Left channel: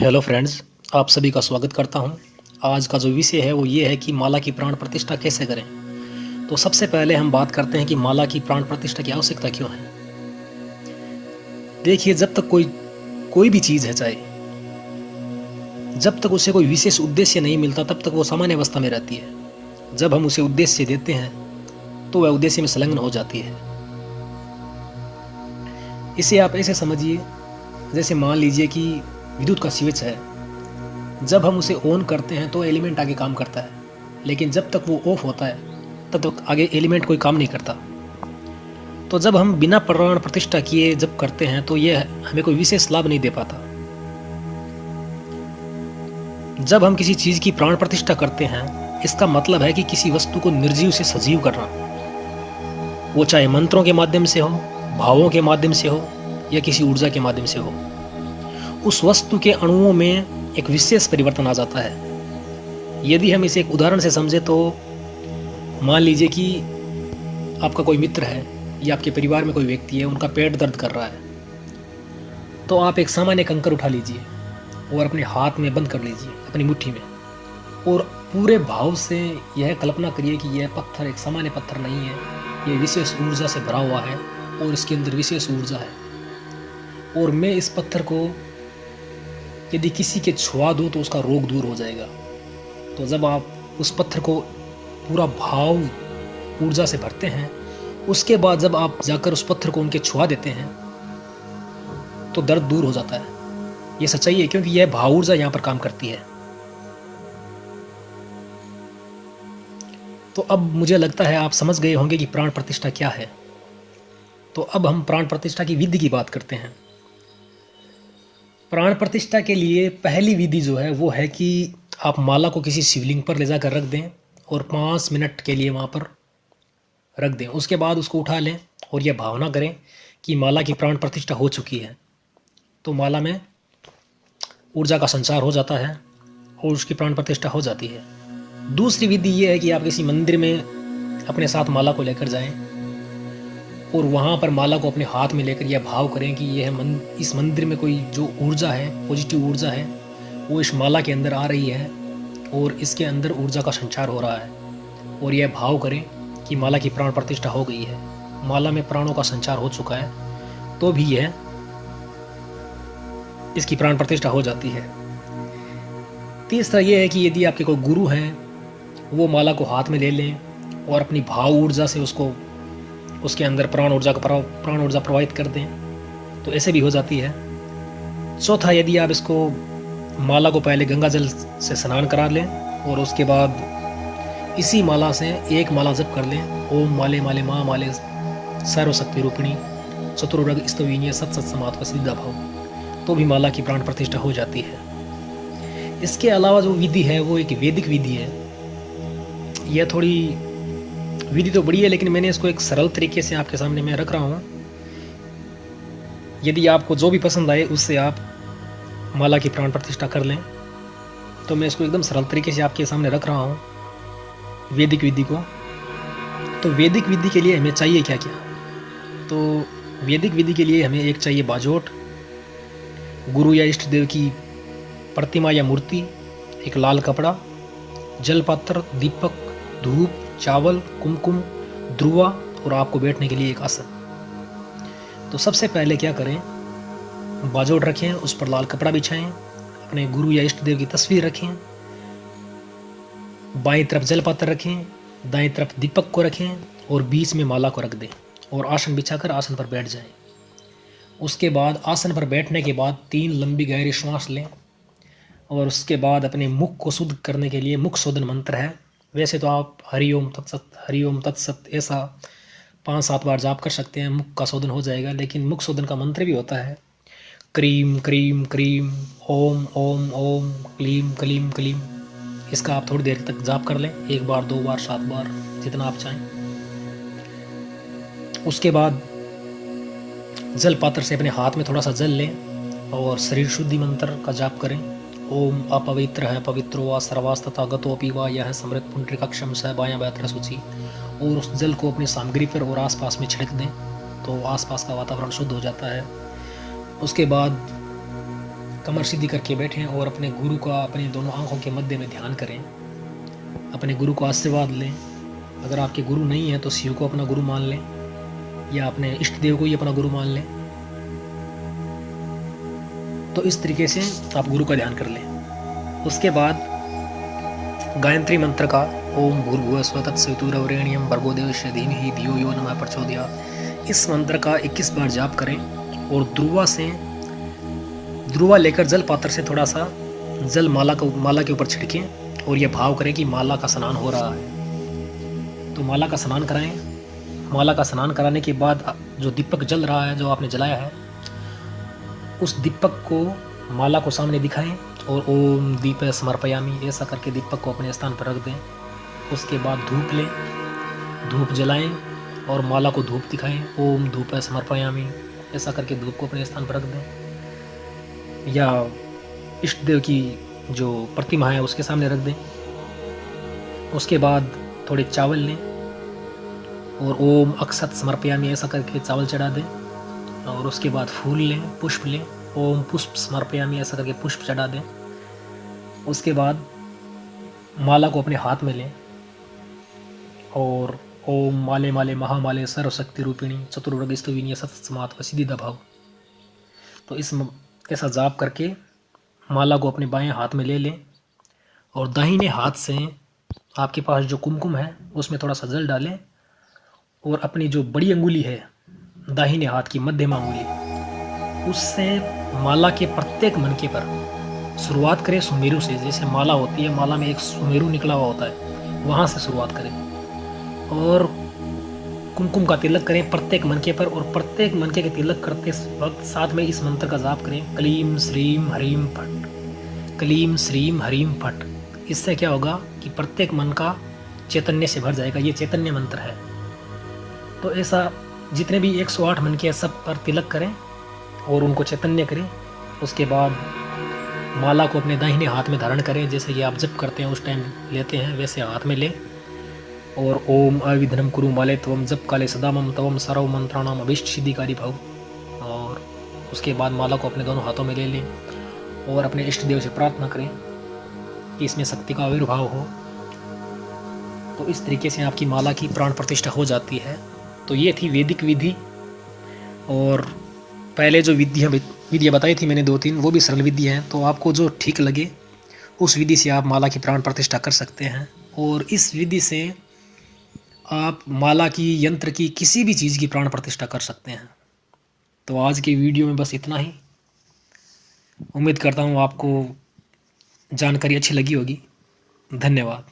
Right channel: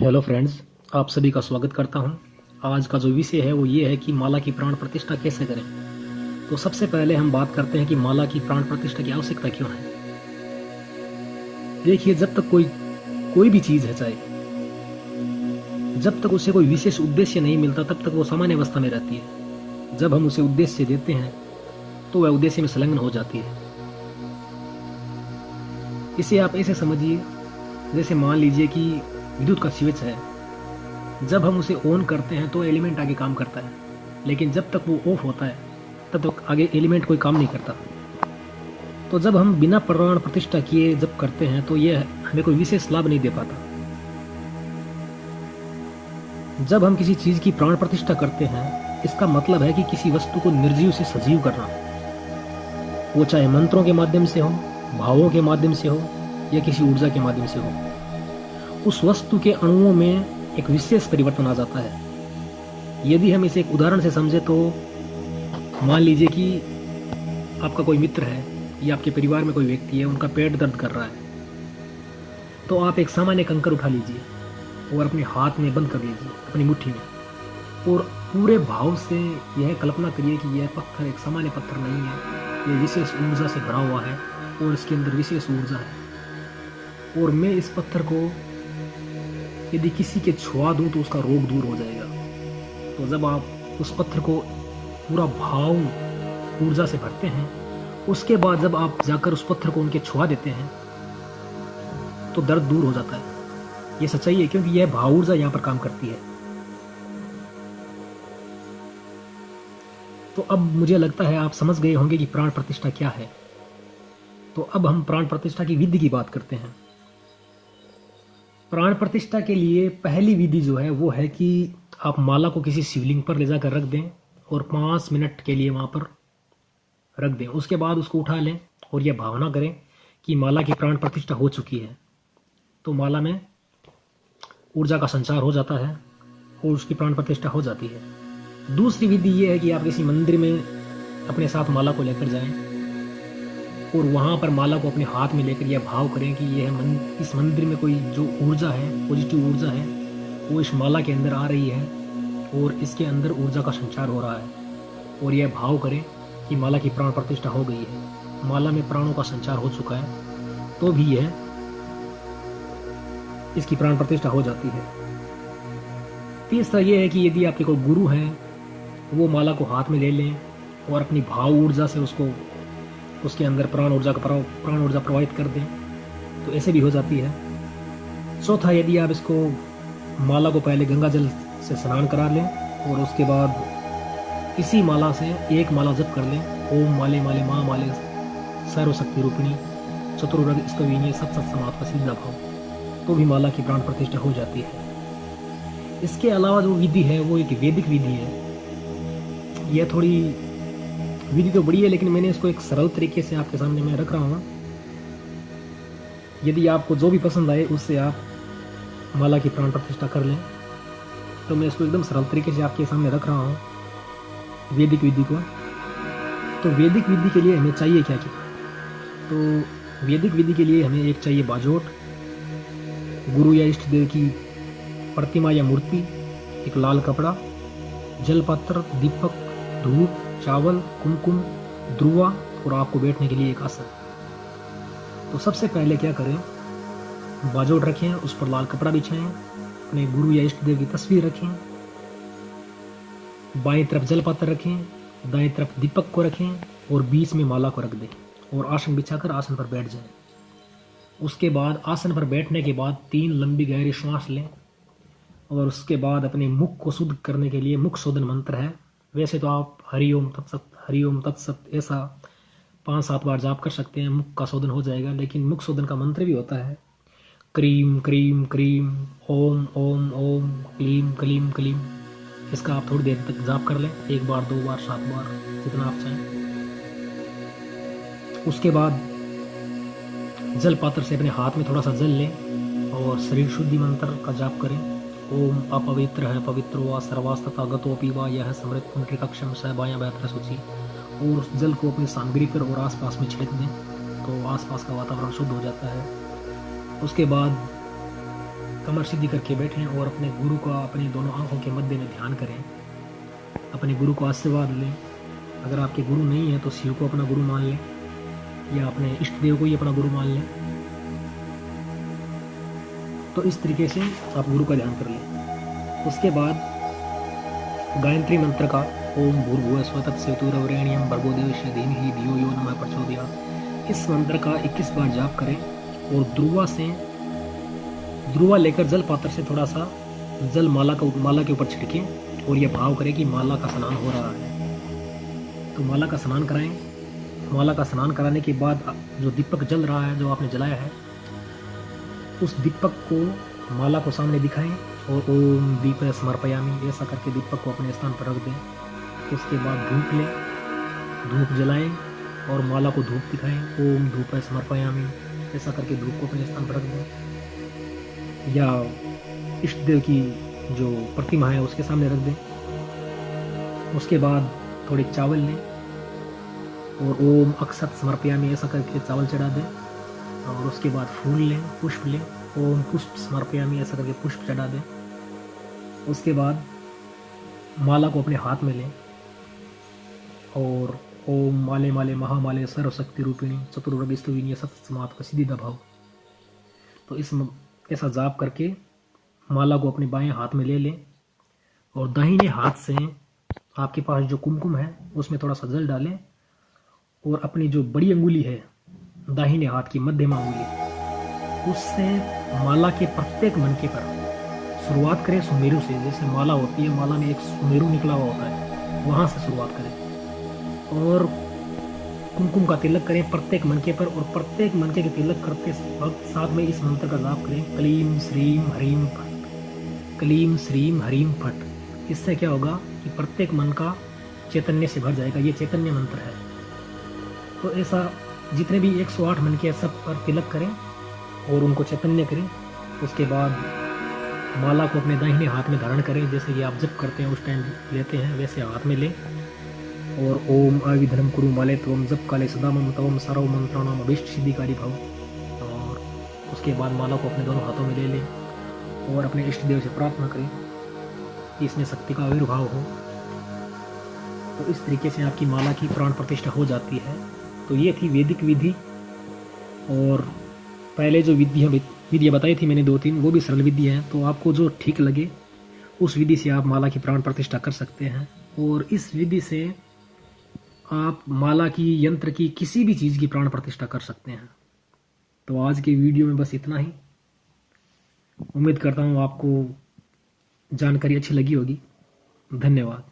Hello friends, आप सभी का स्वागत करता हूं। आज का जो विषय है वो ये है कि माला की प्राण प्रतिष्ठा कैसे करें। तो सबसे पहले हम बात करते हैं कि माला की प्राण प्रतिष्ठा की आवश्यकता क्यों है। देखिए, जब तक कोई भी चीज़ है, चाहे जब तक उसे कोई विशेष उद्देश्य नहीं मिलता तब तक वो सामान्य अवस्था में रहती है। जब हम उसे उद्देश्य देते हैं तो वह उद्देश्य में संलग्न हो जाती है। इसे आप ऐसे समझिए, जैसे मान लीजिए कि विद्युत का स्विच है। जब हम उसे ऑन करते हैं तो एलिमेंट आगे काम करता है, लेकिन जब तक वो ऑफ होता है तब तक आगे एलिमेंट कोई काम नहीं करता। तो जब हम बिना प्राण प्रतिष्ठा किए जब करते हैं तो यह हमें कोई विशेष लाभ नहीं दे पाता। जब हम किसी चीज़ की प्राण प्रतिष्ठा करते हैं, इसका मतलब है कि किसी वस्तु को निर्जीव से सजीव करना, वो चाहे मंत्रों के माध्यम से हो, भावों के माध्यम से हो या किसी ऊर्जा के माध्यम से हो। उस वस्तु के अणुओं में एक विशेष परिवर्तन आ जाता है। यदि हम इसे एक उदाहरण से समझे तो मान लीजिए कि आपका कोई मित्र है या आपके परिवार में कोई व्यक्ति है, उनका पेट दर्द कर रहा है। तो आप एक सामान्य कंकर उठा लीजिए और अपने हाथ में बंद कर लीजिए, अपनी मुट्ठी में, और पूरे भाव से यह कल्पना करिए कि यह पत्थर एक सामान्य पत्थर नहीं है, यह विशेष ऊर्जा से भरा हुआ है और इसके अंदर विशेष ऊर्जा है। और मैं इस पत्थर को यदि किसी के छुआ दूँ तो उसका रोग दूर हो जाएगा। तो जब आप उस पत्थर को पूरा भाव ऊर्जा से भरते हैं, उसके बाद जब आप जाकर उस पत्थर को उनके छुआ देते हैं तो दर्द दूर हो जाता है। ये सच्चाई है, क्योंकि यह भाव ऊर्जा यहाँ पर काम करती है। तो अब मुझे लगता है आप समझ गए होंगे कि प्राण प्रतिष्ठा क्या है। तो अब हम प्राण प्रतिष्ठा की विधि की बात करते हैं। प्राण प्रतिष्ठा के लिए पहली विधि जो है वो है कि आप माला को किसी शिवलिंग पर ले जाकर रख दें और 5 मिनट के लिए वहाँ पर रख दें। उसके बाद उसको उठा लें और यह भावना करें कि माला की प्राण प्रतिष्ठा हो चुकी है। तो माला में ऊर्जा का संचार हो जाता है और उसकी प्राण प्रतिष्ठा हो जाती है। दूसरी विधि ये है कि आप किसी मंदिर में अपने साथ माला को लेकर जाएं और वहाँ पर माला को अपने हाथ में लेकर यह भाव करें कि इस मंदिर में कोई जो ऊर्जा है, पॉजिटिव ऊर्जा है, वो इस माला के अंदर आ रही है और इसके अंदर ऊर्जा का संचार हो रहा है। और यह भाव करें कि माला की प्राण प्रतिष्ठा हो गई है, माला में प्राणों का संचार हो चुका है, तो भी यह इसकी प्राण प्रतिष्ठा हो जाती है। तीसरा यह है कि यदि आपके कोई गुरु हैं, वो माला को हाथ में ले लें और अपनी भाव ऊर्जा से उसके अंदर प्राण ऊर्जा प्रवाहित कर दें, तो ऐसे भी हो जाती है। चौथा, यदि आप इसको माला को पहले गंगा जल से स्नान करा लें और उसके बाद इसी माला से एक माला जप कर लें, ओम माले माले माँ माले सर्वशक्ति रूपिणी चतुर्वर्ग स्तवीनीय सत सत समात्म सिद्धा भाव, तो भी माला की प्राण प्रतिष्ठा हो जाती है। इसके अलावा जो विधि है वो एक वैदिक विधि है। यह थोड़ी विधि तो बड़ी है, लेकिन मैंने इसको एक सरल तरीके से आपके सामने मैं रख रहा हूँ। यदि आपको जो भी पसंद आए उससे आप माला की प्राण प्रतिष्ठा कर लें। तो मैं इसको एकदम सरल तरीके से आपके सामने रख रहा हूँ, वैदिक विधि को। तो वैदिक विधि के लिए हमें चाहिए क्या क्या? तो वैदिक विधि के लिए हमें एक चाहिए बाजोट, गुरु या इष्ट देव की प्रतिमा या मूर्ति, एक लाल कपड़ा, जलपात्र, दीपक, धूप, चावल, कुमकुम, ध्रुवा और आपको बैठने के लिए एक आसन। तो सबसे पहले क्या करें, बाजोट रखें, उस पर लाल कपड़ा बिछाएं, अपने गुरु या इष्ट देव की तस्वीर रखें, बाईं तरफ जलपात्र रखें, दाईं तरफ दीपक को रखें और बीच में माला को रख दें और आसन बिछाकर आसन पर बैठ जाएं। उसके बाद आसन पर बैठने के बाद 3 लंबी गहरी श्वास लें और उसके बाद अपने मुख को शुद्ध करने के लिए मुख शोधन मंत्र है। वैसे तो आप हरिओम तत्सत ऐसा 5-7 बार जाप कर सकते हैं, मुख का शोधन हो जाएगा। लेकिन मुख शोधन का मंत्र भी होता है, cream cream cream, Om Om Om, क्लीम क्लीम क्लीम। इसका आप थोड़ी देर तक जाप कर लें, 1 बार 2 बार 7 बार, जितना आप चाहें। उसके बाद जल पात्र से अपने हाथ में थोड़ा सा जल लें और शरीर शुद्धि मंत्र का जाप करें। ओम अपवित्र है पवित्रो वा सर्वास्तथा गतोपि वा यह समृत पुंडरीकाक्षम स बायां व्यात्र सूची। और उस जल को अपनी सामग्री पर और आसपास में छिड़क दें, तो आसपास का वातावरण शुद्ध हो जाता है। उसके बाद कमर सीधी करके बैठें और अपने गुरु का अपने दोनों आंखों के मध्य में ध्यान करें। अपने गुरु को आशीर्वाद लें। अगर आपके गुरु नहीं है तो शिव को अपना गुरु मान लें या अपने इष्ट देव को ही अपना गुरु मान लें। तो इस तरीके से आप गुरु का ध्यान कर लें। उसके बाद गायत्री मंत्र का ओम भूर्भुवः स्वः तत्सवितुर्वरेण्यं भर्गो देवस्य धीमहि धियो यो नः प्रचोदयात्, इस मंत्र का 21 बार जाप करें और ध्रुवा लेकर जल पात्र से थोड़ा सा जल माला के ऊपर छिड़कें और यह भाव करें कि माला का स्नान हो रहा है। तो माला का स्नान कराएं। माला का स्नान कराने के बाद जो दीपक जल रहा है, जो आपने जलाया है, उस दीपक को माला को सामने दिखाएं और ओम दीप समर्पयामि ऐसा करके दीपक को अपने स्थान पर रख दें। उसके बाद धूप लें, धूप जलाएं और माला को धूप दिखाएं। ओम धूप समर्पयामि ऐसा करके धूप को अपने स्थान पर रख दें या इष्ट देव की जो प्रतिमा है उसके सामने रख दें। उसके बाद थोड़े चावल लें और ओम अक्षत समर्पयामि ऐसा करके चावल चढ़ा दें। और उसके बाद फूल लें, पुष्प लें, ओम पुष्प समर्पयामि ऐसा करके पुष्प चढ़ा दें। उसके बाद माला को अपने हाथ में लें और ओम माले माले महामाले सर्वशक्ति रूपिणी चतुर्वर्ग स्तुविनी सतस्मात् वसिद्धिदा भाव। तो ऐसा जाप करके माला को अपने बाएं हाथ में ले लें और दाहिने हाथ से आपके पास जो कुमकुम है उसमें थोड़ा सा जल डालें और अपनी जो बड़ी अंगुली है, दाहिने हाथ की मध्यमा अंगुली, उससे माला के प्रत्येक मनके पर शुरुआत करें सुमेरु से। जैसे माला होती है, माला में एक सुमेरु निकला हुआ होता है, वहाँ से शुरुआत करें और कुमकुम का तिलक करें प्रत्येक मनके पर। और प्रत्येक मनके के तिलक करते वक्त साथ में इस मंत्र का जाप करें, क्लीम श्रीम हरीम फट, क्लीम श्रीम हरीम फट। इससे क्या होगा कि प्रत्येक मन का चैतन्य से भर जाएगा। ये चैतन्य मंत्र है। तो ऐसा जितने भी 108 मनके हैं सब पर तिलक करें और उनको चैतन्य करें। उसके बाद माला को अपने दाहिने हाथ में धारण करें, जैसे कि आप जप करते हैं उस टाइम लेते हैं वैसे हाथ में लें और ओम अविघ्नं कुरु माले त्वं जप काले सदा मम तवम सर्व मंत्राणाम अभीष्ट सिद्धिकारी भव। और उसके बाद माला को अपने दोनों हाथों में ले लें और अपने इष्ट देव से प्रार्थना करें कि इसमें शक्ति का आविर्भाव हो। तो इस तरीके से आपकी माला की प्राण प्रतिष्ठा हो जाती है। तो ये थी वैदिक विधि। और पहले जो विधियाँ बताई थी मैंने 2-3, वो भी सरल विधि हैं। तो आपको जो ठीक लगे उस विधि से आप माला की प्राण प्रतिष्ठा कर सकते हैं। और इस विधि से आप माला की, यंत्र की, किसी भी चीज़ की प्राण प्रतिष्ठा कर सकते हैं। तो आज की वीडियो में बस इतना ही। उम्मीद करता हूँ आपको जानकारी अच्छी लगी होगी। धन्यवाद।